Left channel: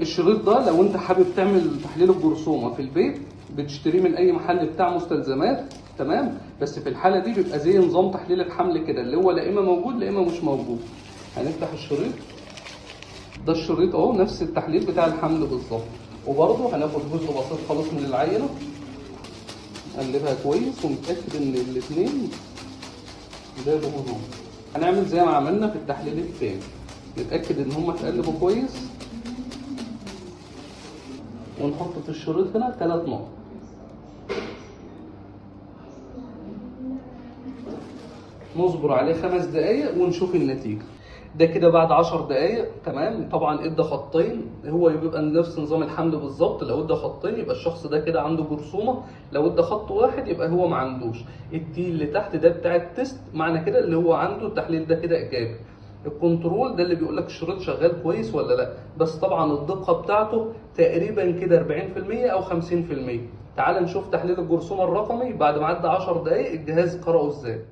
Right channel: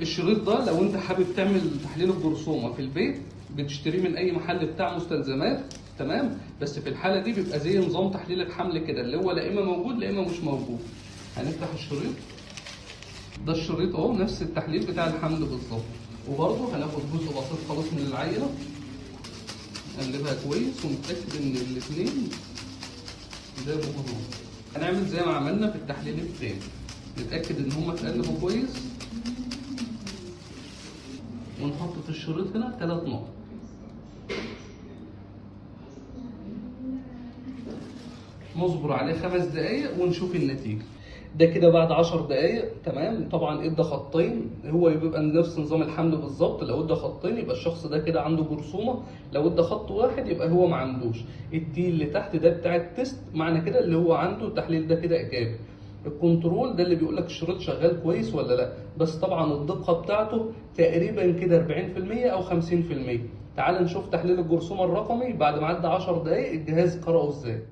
الشريط ده لو انت حابب تعمل تحليل الجرثومه في البيت بتشتريه من اي محل بتاع مستلزمات، تمام. بس في الحاله دي بيبقى زي نظام تحليل الحمل كده، اللي هو لا اما موجود لا اما مش موجود. هنفتح الشريط ده، الشريط اهو نفس التحليل بتاع الحمل بالظبط. وبرضه هناخد جزء بسيط خالص من العينه، نقلبها كويس ونتاكد ان الاثنين ده بهدوء. هنعمل زي ما عملنا في التحليل الثاني، نتاكد ان هم اتقلبوا كويس، ونحط في الشريط هنا 3 نقط. نصبر عليه 5 دقايق ونشوف النتيجة. ده كده بعد 10 دقايق، تمام. طبعا ادى خطين، هو بيبقى نفس نظام الحمل بالظبط. لو ادى خطين يبقى الشخص ده كده عنده جرثومة، لو ادى خط واحد يبقى هو ما عندوش. التي اللي تحت ده بتاع التست، معنى كده اللي هو عنده التحليل ده كده ايجابي. الكنترول ده اللي بيقول لك الشريط شغال كويس ولا لا، بس طبعا الدقة بتاعته تقريبا كده 40% او 50%. تعال نشوف تحليل الجرثومة الرقمي بعد ما عدى 10 دقايق الجهاز قرأه ازاي.